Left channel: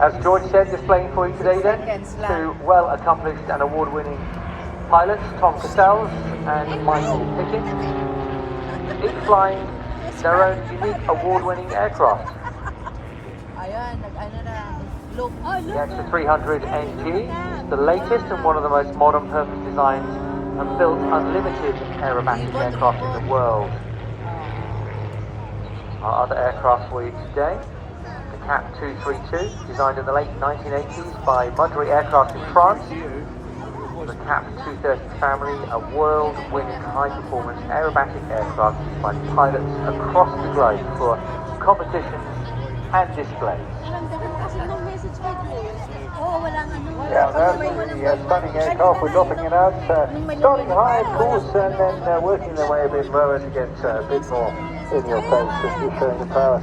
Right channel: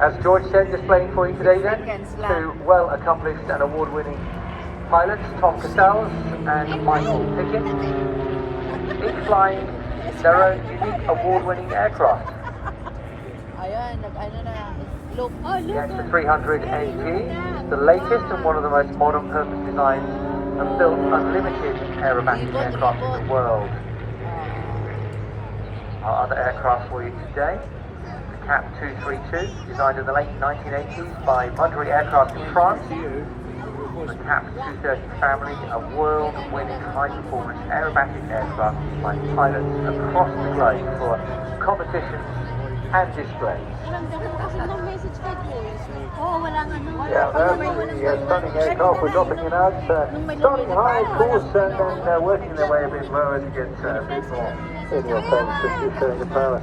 As George said, displaying for you today then, two well-accomplished and award-winning pilots, Tom Castells and Michael Pickett, each flying their own unique award-winning aircraft. The AXA 300 NG is the latest and one of the most modern purpose designed and built unlimited aerobatic aircraft in the world. Our other aircraft for you today, the CAP 232, designed in the late 1980s by Mudry Aircraft in France. The CAP 230 family, a world-winning high-performance aerobatic aircraft used by pilots across the globe for competitions and displays. Yeah, that's the stunning aircraft. We're dropping it out, starting high of course, and then working their way a bit lower to get a bit more in your face, just showing the power.